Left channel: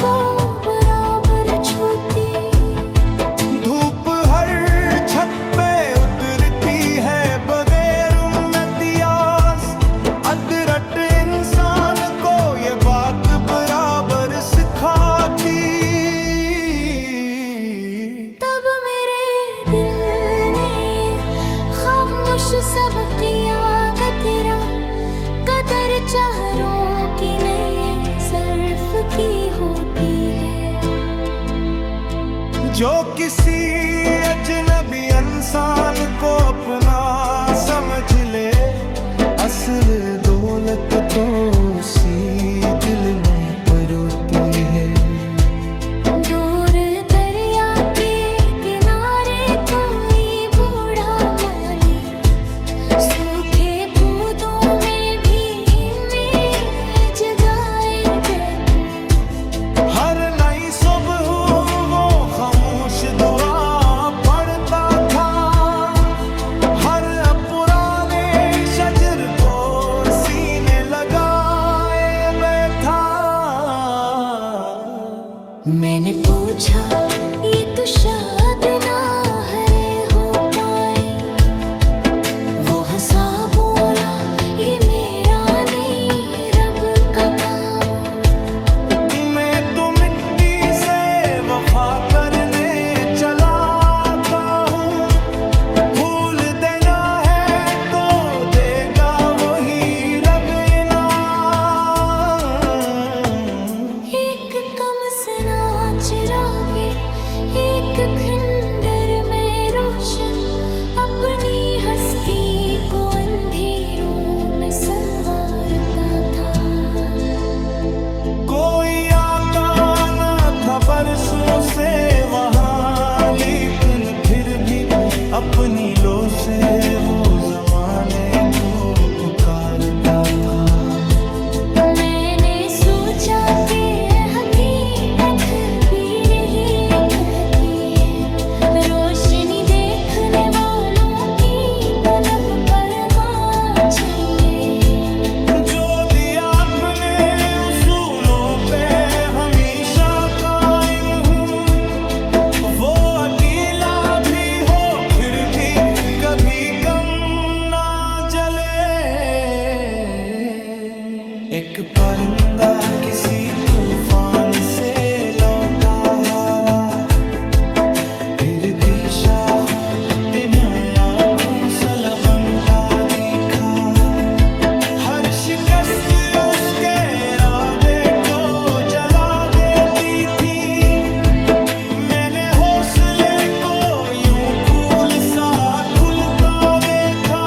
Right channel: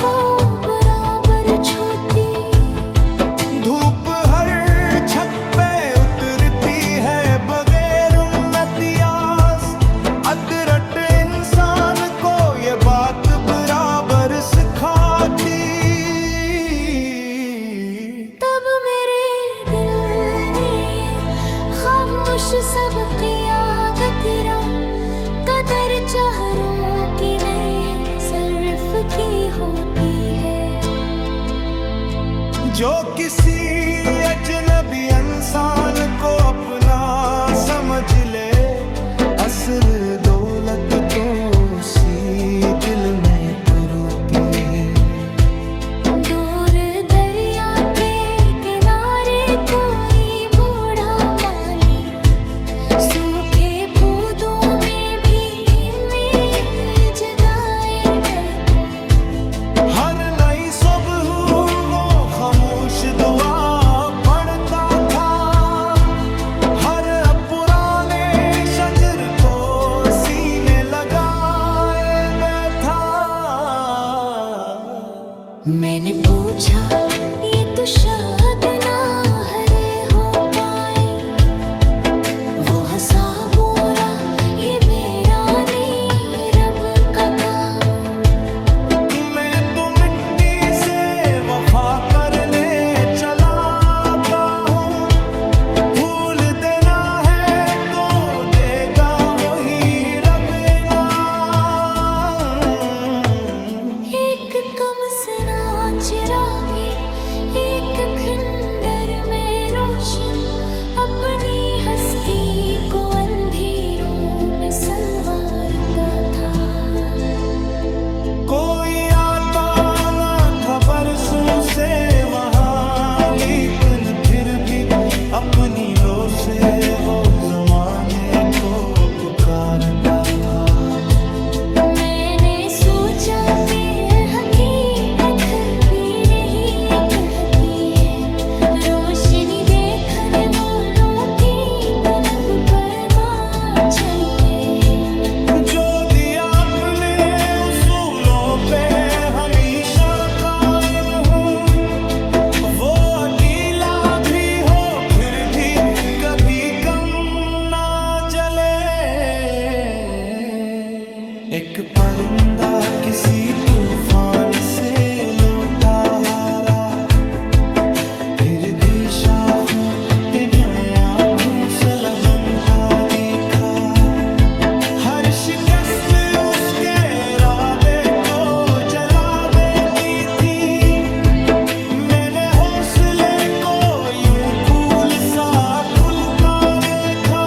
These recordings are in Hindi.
को बराबर छूती। धूप हर छत पे उतरती है बगैर इम्तियाज। अदरट इंसान को ये बात बराबर सिखाती। तब मेरे दिल ने खामोश सबक किया तेरा कदर चाहरों की नहीं सर्फ की होती है। जो किसी अजनबी इंसान को अपना समझ ले, असल दौलत तो उसी दिल में परोती है। दूर दरिया के किनारे कोई बूढ़ा माली सूखे पौधों में भी इमेज गाए देखो। हर नई सुबह वो खामोश दुआ पढ़ता था। हर पुराने शजर को सीने लगाए बैठा। मैंने पूछा ये तो शायद ना हरे हो पाए। वो हंसा बोला ये मेरा नहीं रब का काम। मैं तो मिट्टी से वफा करने चला आता हूँ। भूल देना है तो देगा वही रब इनाम। एक कम सना चिरागे एक खंडर में रोशन अपनी हस्ती को अंधेरों में संवारता था। कोई आता न था बरसों से वहाँ, लेकिन फिर भी अपनी लो से वो जमाने को पुकारता था। मैंने सोचा कि हकीकत भी नहीं कहती है। रोशनी देखने वालों की तलब पर मां चले। जो दिया अपने उसूलों पे हमेशा कायम हूँ। वो अकेला भी हो फिर भी कभी कम ना जले। एक परिंदा किसी तूफान से लौटा हारा, फिर भी शाखों ते म्याया घोंसला बनता दिखा। हर शिकस्त उसके इरादे को जला देती थी। मैंने हौसले को यूं फूल सा खुलता देखा।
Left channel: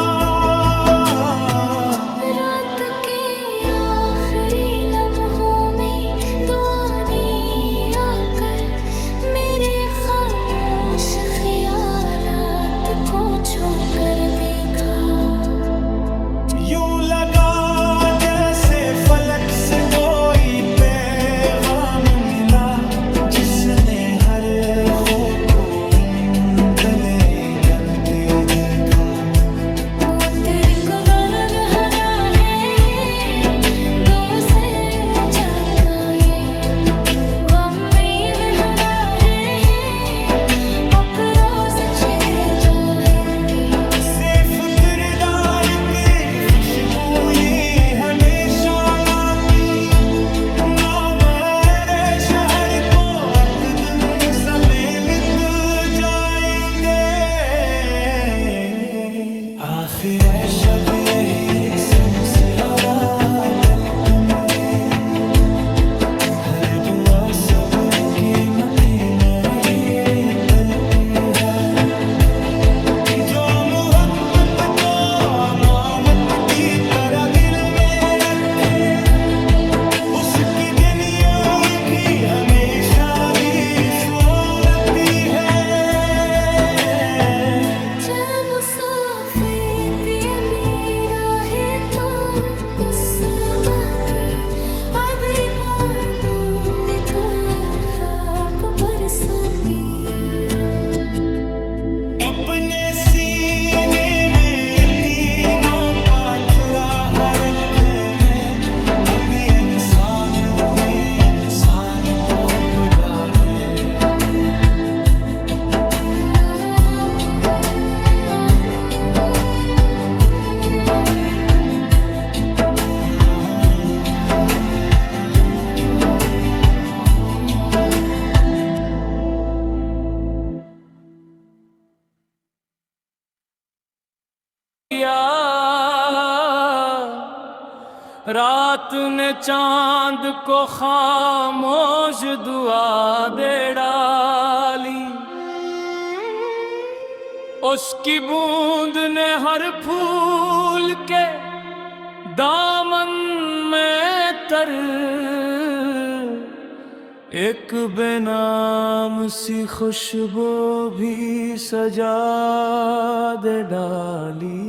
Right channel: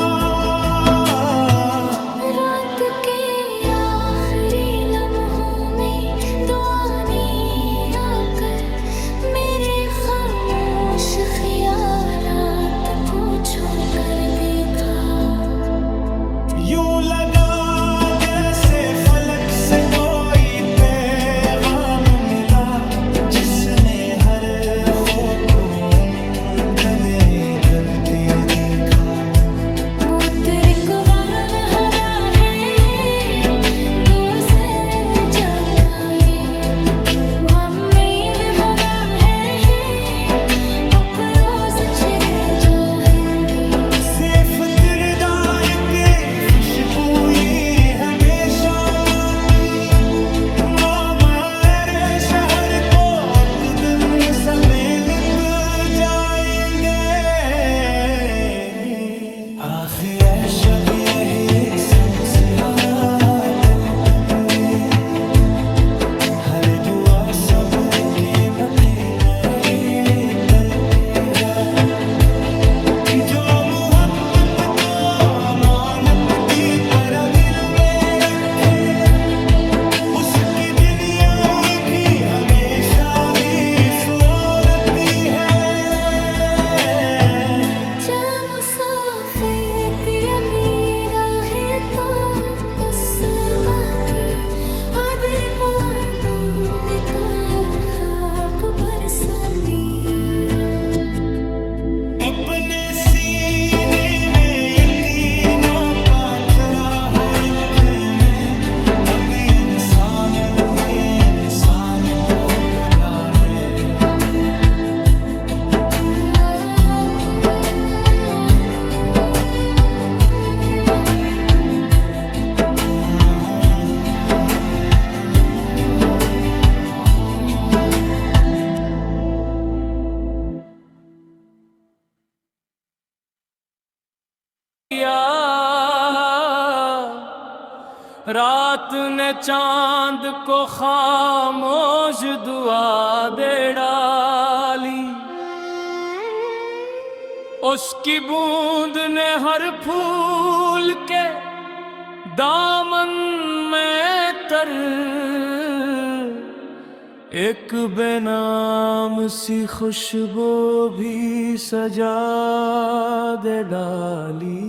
रात के आखिरी लम्हों में दुआ ने आकर मेरे खामोश ख्यालात को छूकर देखा। यूं लगा जैसे फलक से कोई पैगाम मिला, जिसने हर खौफ को गले जलते दिखा। किरदार के खुशबू ये हमेशा माती। मेरे शहर को अतदन समेत जाएंगे। आखिर शब यही समसहरा दिल पे मिले। हर दुआ सब्र के मके नहीं करते हैं। जो मोहब्बत को अमानत की तरह दिल में रखे, उसकी दुनिया की हमेशा की सोनती है। अपने सीने में ये तीनों पाथरा हरखे में, अब इंसान ने इंसान अपने कोपरा में। रात ने चांद को खामोश दुआ दे डाली, उसकी बूंद ने हर फूल के दामन में तर एक बेनाम सी खुशबू भी सजा दे डाली।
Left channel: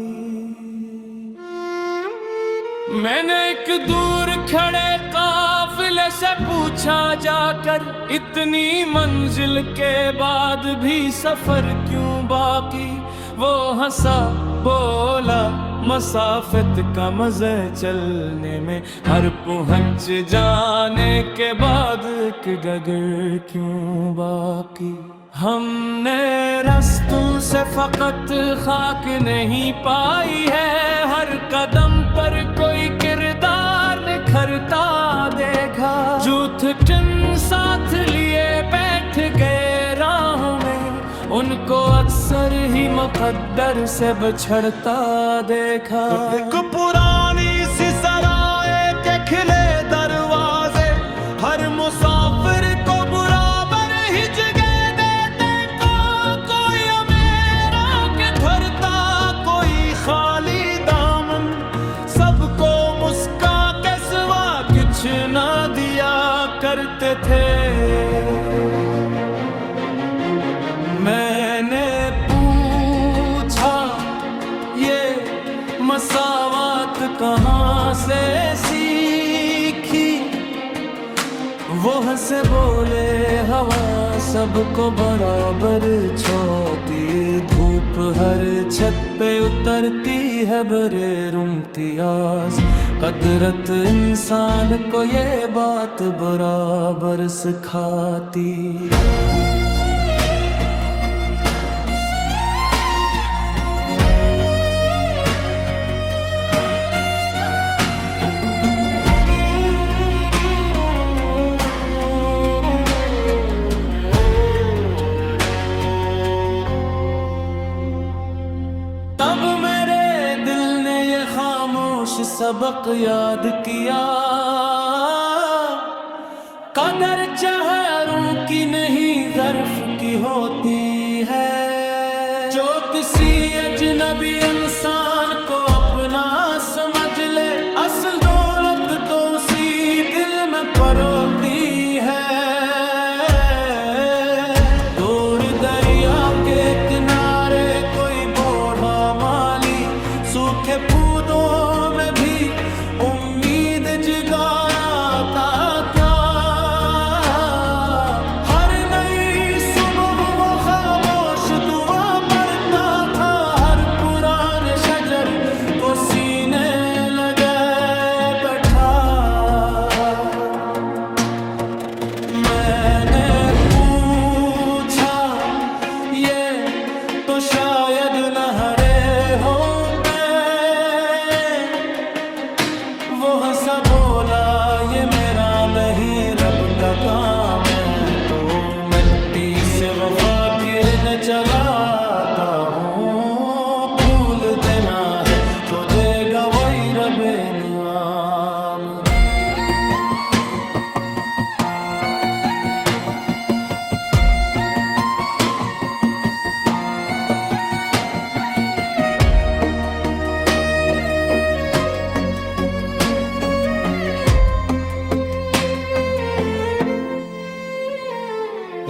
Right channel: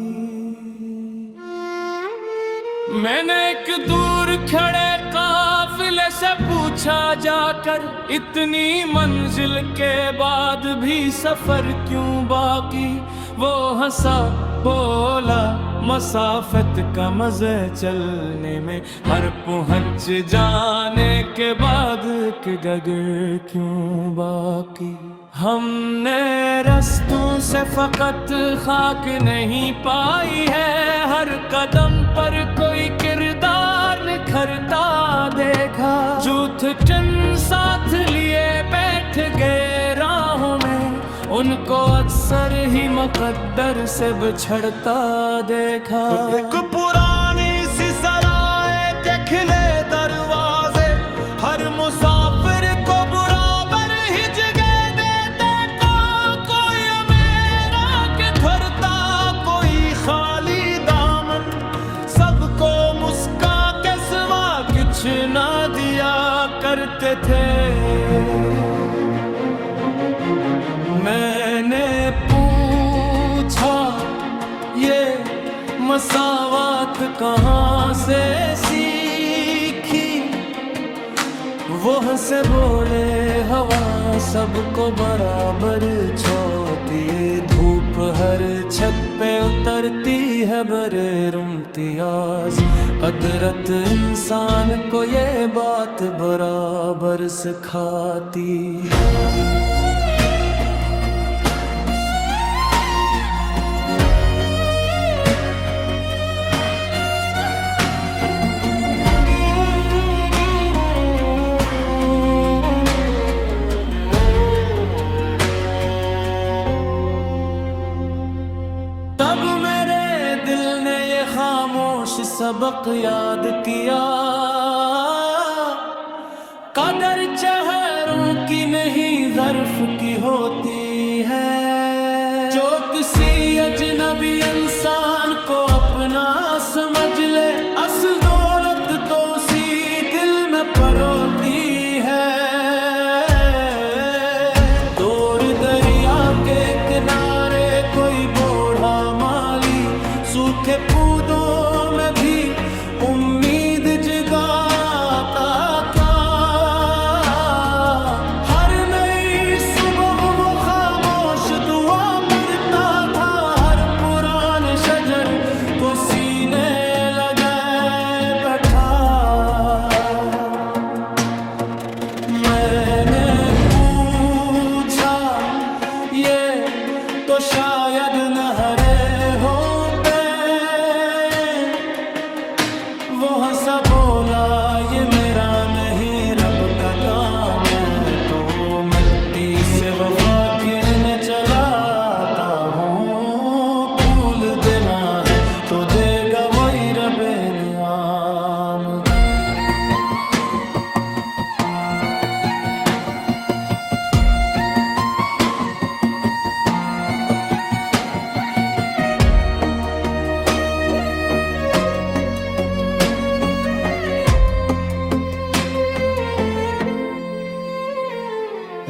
मैंने एक दूर खड़े काफिले से पूछा जाकर, इतनी मंजिल के बाद भी सफर क्यों बाकी। वो हंसा बोला, मसाफत का मजे चलने में, हर पहुंच जाने के बाद एक गगर क्यों बाकी। हमने रस्तों से फकत खाक नहीं पाई है, हर कदम पर कोई किरदार निखरता देखा। जूठन साथ लिए बैठ गए राहों में, उनको अक्सर ही मुकद्दर से बिछड़ता देखा। एक पुरानी सी सराय के खिले दरवाजे, हर मुसाफिर को बराबर ही जगह देते को। कोई अमेरा के ठहरता, कोई खाली दामन, सबको मुस्का के सिवा कुछ ना दिया करते थे। मैंने पूछा ये मसावत कहाँ से सीखी, वो हंसे बोले हवा सबको बराबर छोती। धूप हर छत पे उतरती है बरे इम्तियाज, कदरत इंसान को ये बात बराबर सिखाती। तब मेरे दिल ने ये खामोश सबक याद किया, कदर चेहरों की नहीं ज़र्फ की होती है। जो किसी अजनबी इंसान को अपना समझ ले, असल दौलत तो उसी दिल में परोती है। दूर दरिया के किनारे कोई बूढ़ा माली, सूखे पौधों में भी उम्मीद जगाता क्या। हर नई सुबह वो खामोश दुआ पढ़ता था, हर पुराने शजर को सीने लगाए बैठा। मैंने पूछा ये तो शायद न हरे हो पे, वो हंसा बोला ये मेरा नहीं रब का काम है। तो मिट्टी से वफा किरण चलाता हूँ, फूल देना है तो देगा वही रब इनाम।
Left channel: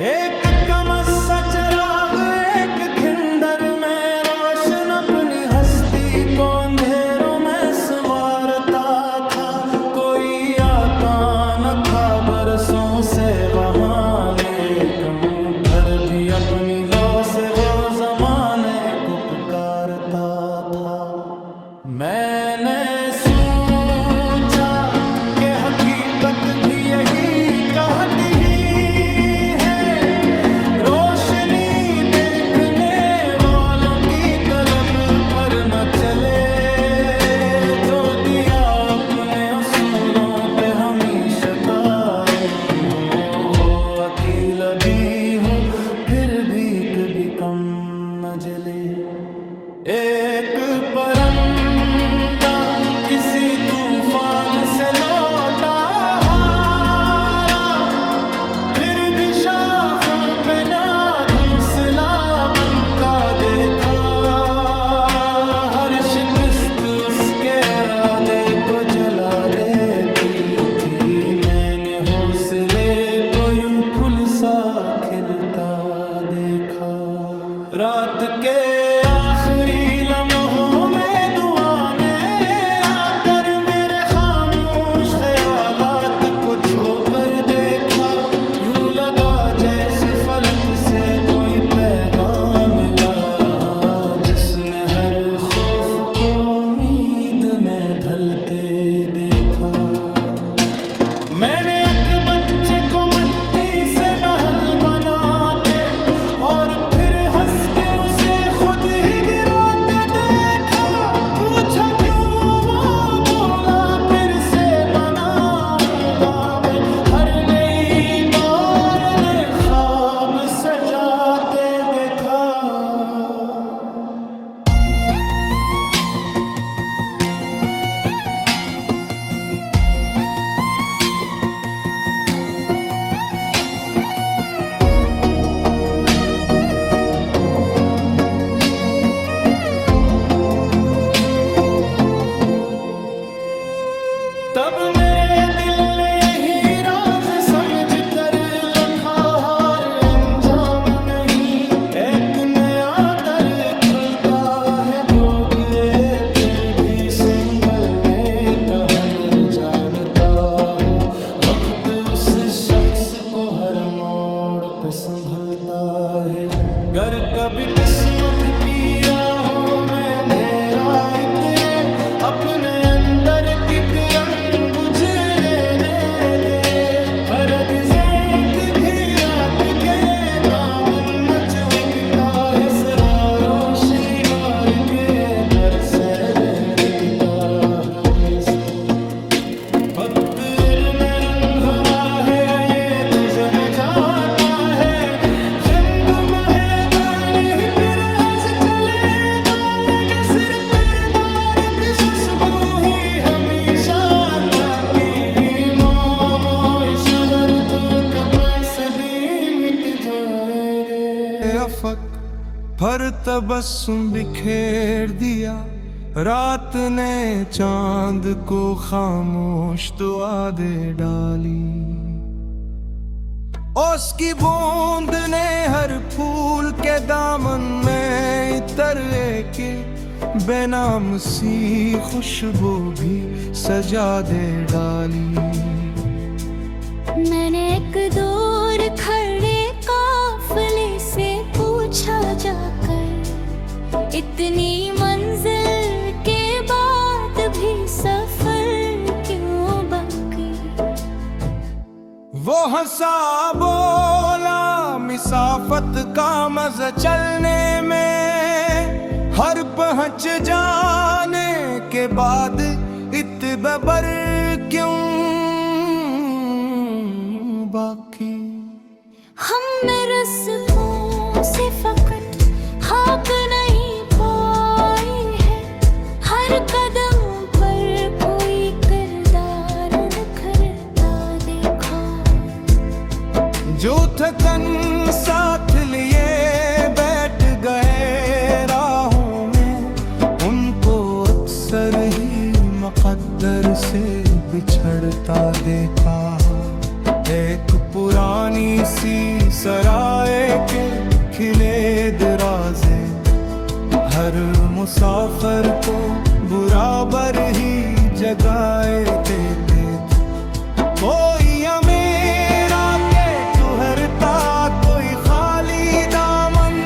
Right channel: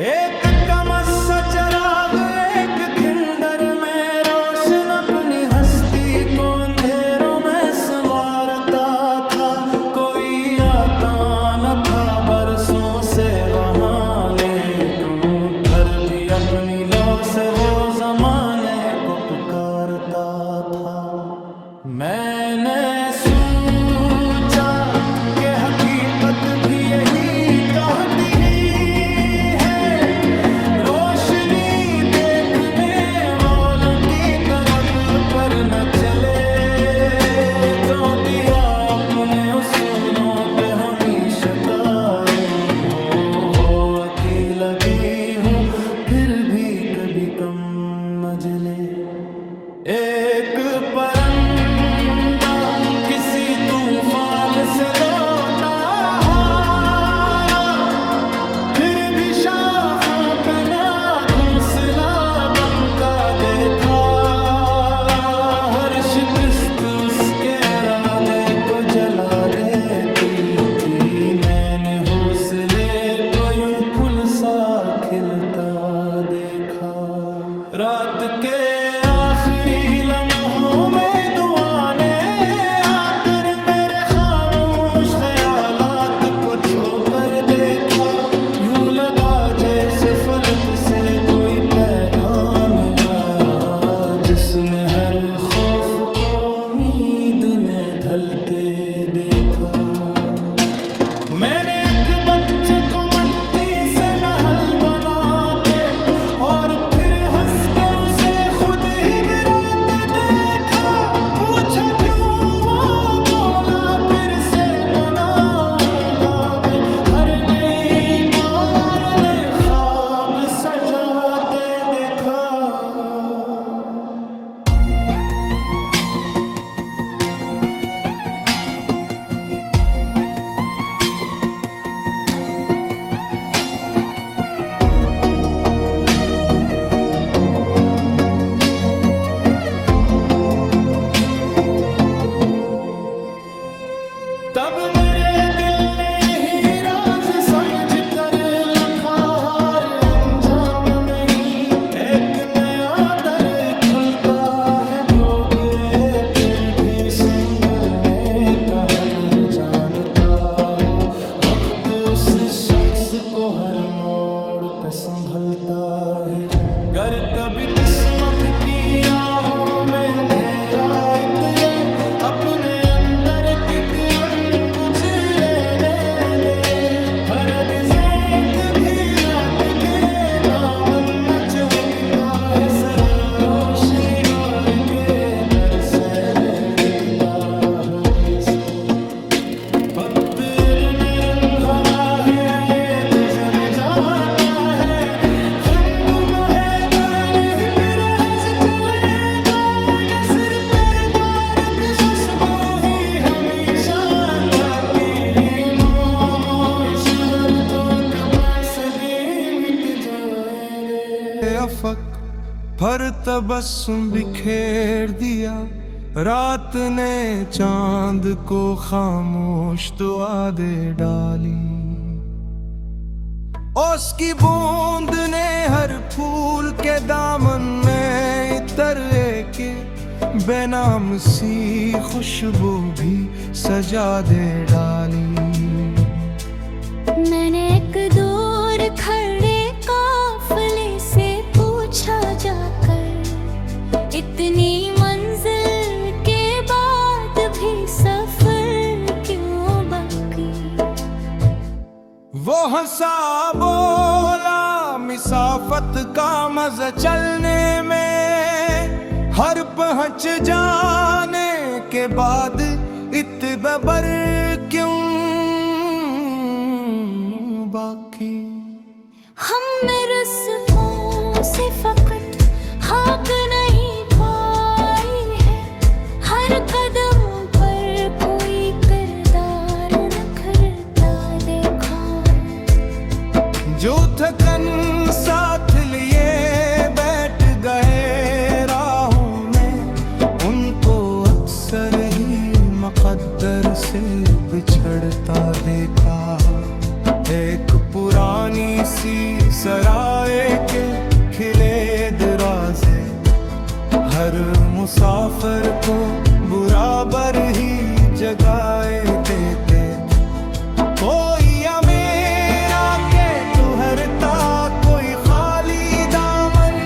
एक कमस्सा चराग एक खिंदर में रोशन अपनी हस्ती को अंधेरों में संवारता था। कोई आता न था बरसों से वहाँ, लेकिन फिर भी अपनी लो से वो जमाने को पुकारता था। मैंने सोचा कि हकीकत भी यही कहती है, रोशनी देखने वालों की तलब पर न चले, जो दिया अपने उसूलों पे हमेशा कायम हो, वो अकेला भी हो फिर भी कभी कम न जले। एक परंदा किसी तूफान से लौटा हारा, फिर भी शाखों पे ना घोंसला बनता देखा, हर शिकस्त उसके इरादे को जला देती थी, मैंने हौसले को यूं फूल सा खिलता देखा। रात के आखिरी लम्हों में दुआ ने आकर मेरे खामोश ख्यालात को छोकर देखा, यूं लगा जैसे फलक से कोई पैगाम मिला, जिसने हर खौफ को उम्मीद ने ढलते देखा। मैंने एक बच्चे को मिट्टी से महल बनाते और फिर हंस के उसे खुद ही गिराते देखा, पूछा क्यों, वो बोला फिर से बनाऊंगा मैं, हर नई बार नए ख्वाब सजाते देखा। तब मेरे दिल ने यही राज समझ कर लिखा, हार अंजाम नहीं, एक नया दर खुलता है डूबे फिर भी संभलने का हुनर जानता हो, वक्त उस शख्स को हर मोड़ पे संभलता है। गर कभी किस्मत की राहों में अंधेरा इतरे, अपने अंदर की किरण बुझ लेने दे, हर गिज़ेत भी रात के दामन में चुमकता है, सदा रोशनी गाड़ के बरसे बहरता है। पत्थर में रंग हवा है ये गुजर जाता है, रंग महबान ही फिराज चले जाएगा, सिर तेरे द्वार की खुशबू ही हमेशा ताकि मोर सबर तो कपास भी मिट जाए रे। अफक पर तबस्सुम बिखेर दिया, रात ने चांद को खामोश दुआ दे डाली, उसकी बूंद ने हर फूल के दामन में इतर के बेनाम सी खुशबू भी सजा दे डाली। मैंने एक दूर खड़े काफिले से पूछा जाकर, इतनी मंजिल के बाद भी सफर क्यों बाकी? वो हंसा बोला, मिसाफत का मजा चलने में, हर पहुंच जाने के बाद इतबर क्यों बाकी? हम रस्मों से फकत खाक नहीं पाई है, हर कदम पर कोई किरदार निखरता देखा, जो थकन साथ लिए बैठ गए राहों में, उनको अक्सर ही मुक़द्दर से बिछड़ता देखा। एक पुरानी सी सराय के खिले दराजे, हर मुसाफिर को बराबर ही जगाए देते थे, कोई अमेरा के ठहरता, कोई खाली दामन,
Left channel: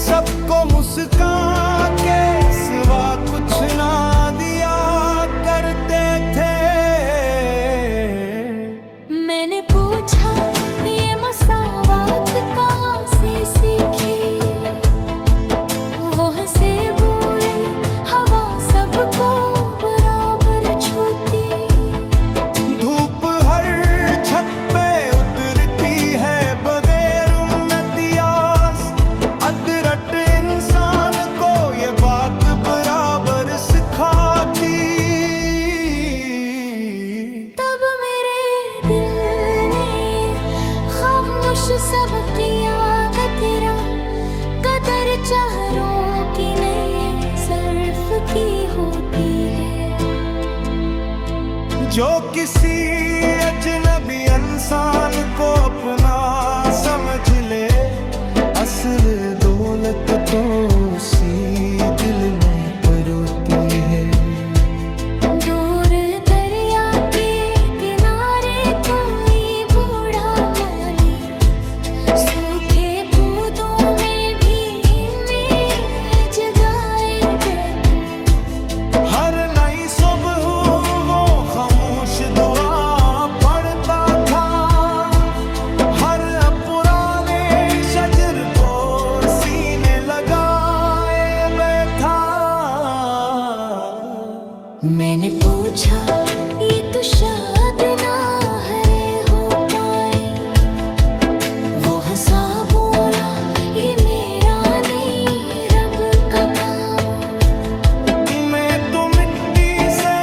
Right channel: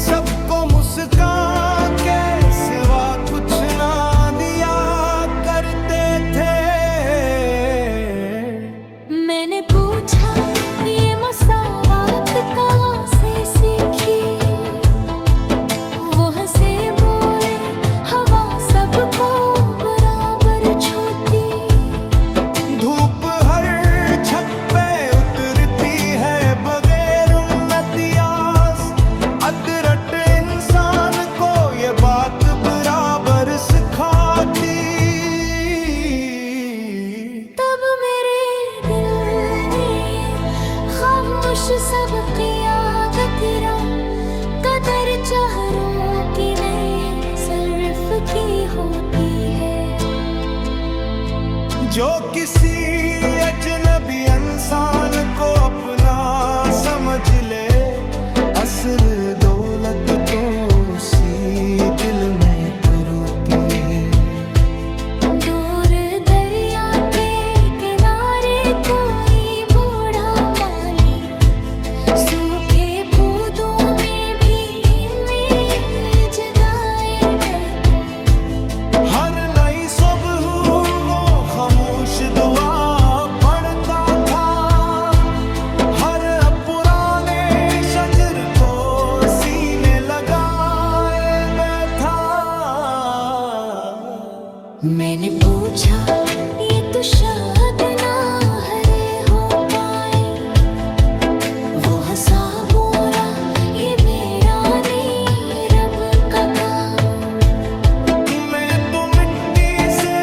सबको मुस्कान के सिवा कुछ ना खामोश सब क़ियादत तेरा कदर चाहरों की नहीं सर्फ की होती है। जो किसी अजनबी इंसान को अपना समझ ले, असल दौलत तो उसी दिल में परोती है। दूर दरिया के किनारे कोई बूढ़ा माली सूखे पौधों में भी इमेज गाए देखो। हर नई सुबह वो खामोश दुआ पढ़ता था, हर पुराने शजर को सीने लगाए बैठा। मैंने पूछा ये तो शायद ना हरे हो पाए, वो हंसा बोला ये मेरा नहीं रब का काम। मैं तो मिट्टी से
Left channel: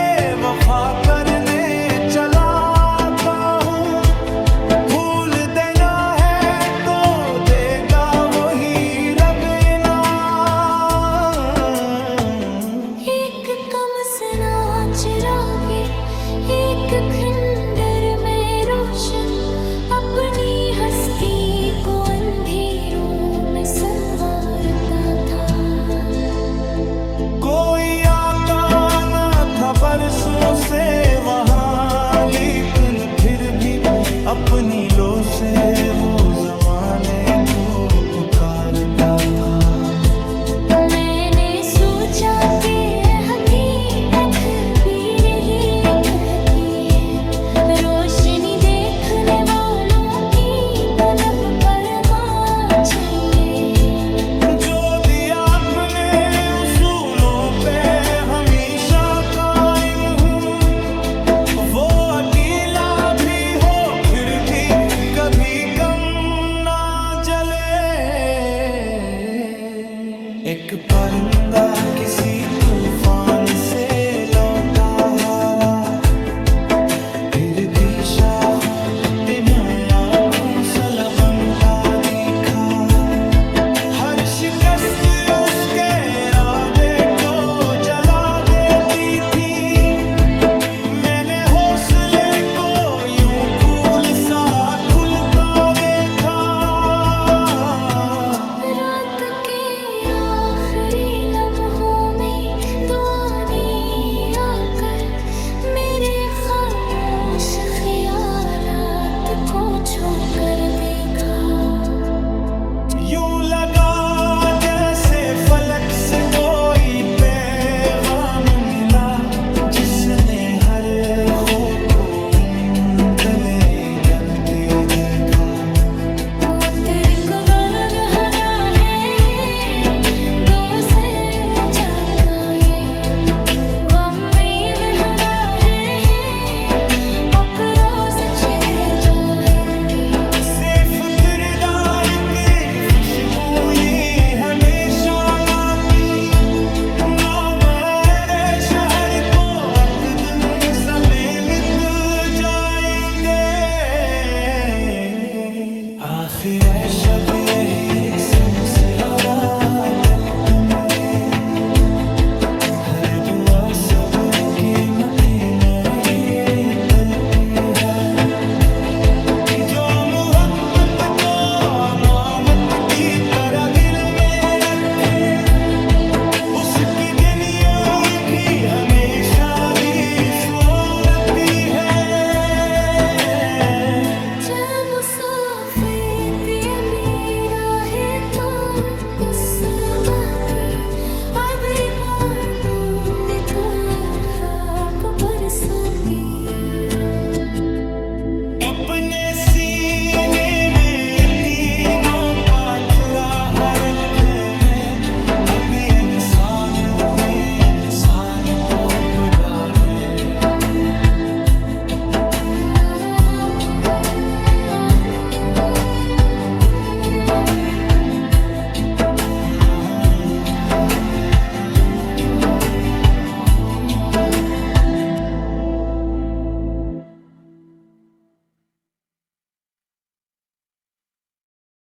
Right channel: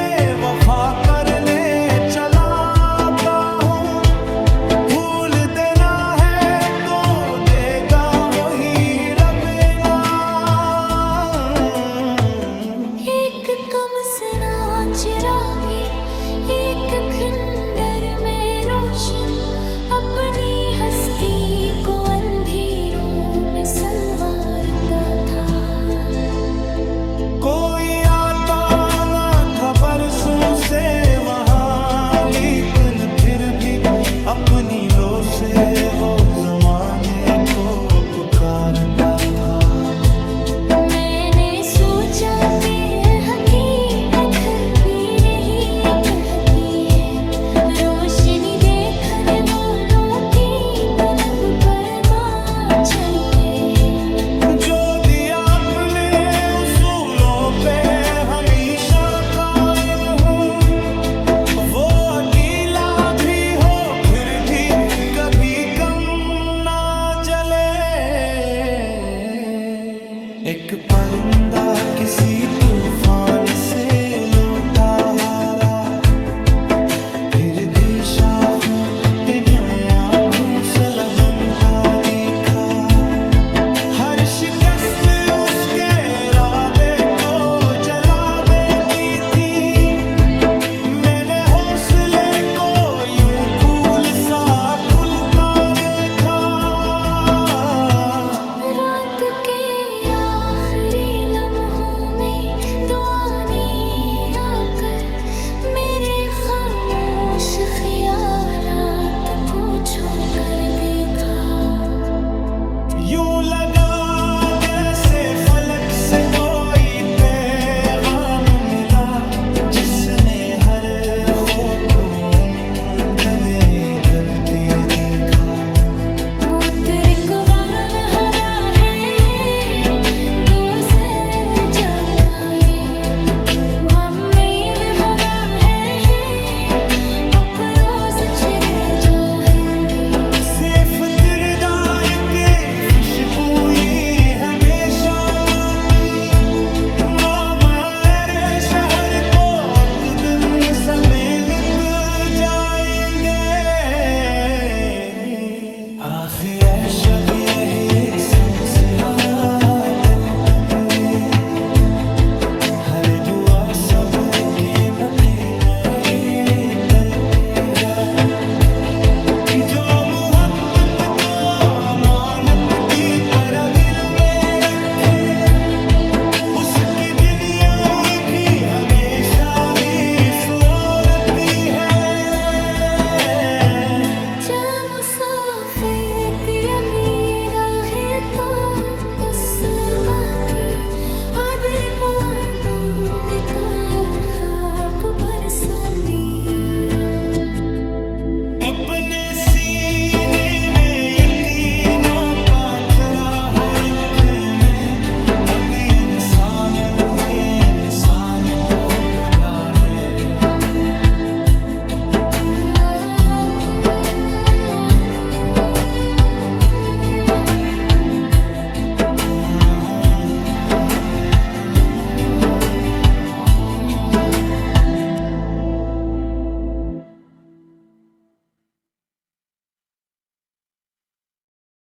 वफा करने चला आता हूँ, फूल देना है तो देगा वही रब इनाम। एक कम सना चिरागे एक खंडर में रोशन, अपनी हस्ती को अंधेरों में संवारता था। कोई आता न था बरसों से वहाँ, लेकिन फिर भी अपनी लो से वो जमाने को पुकारता था। मैंने सोचा कि हकीकत भी नहीं कहती है, रोशनी देखने वालों की तलब पर माँ चले। जो दिया अपने उसूलों पे हमेशा कायम हूँ, वो अकेला भी हो फिर भी कभी कम ना जले। एक परिंदा किसी तूफान से लौटा हारा, फिर भी शाखों ते न्याया घोंसला बनता दिखा। हर शिकस्त उसके इरादे को जला देती थी, मैंने हौसले को यूं फूल सा खुलता देखा। रात के आखिरी लम्हों में दुआ ने आकर मेरे खामोश ख्यालात को छूकर देखा। यूं लगा जैसे फलक से कोई पैगाम मिला, जिसने हर खौफ को गले जलते दिखा। मुतरिक वर्ग हरा है, दो से जाता है, गम में विहरा है, अकरों से चिरे जाएंगे। सिर्फ किरदार के खुशबू ये हमेशा माँ की, माँ मेरे शहर को अतदन समेत जाएंगे। आखिर शब यही सांस हरा दिल तुम्हारे, हर दुआ सब्र के मके नहीं करते हैं। जो मोहब्बत को अमानत की तरह दिल में रखे, उसकी दुनिया की हमेशा भी सोनती है। जा मुसाफिर की अभी राहे तो बस बाकी, आबिर पाबंद तो खाब बरस भी। अपने सीने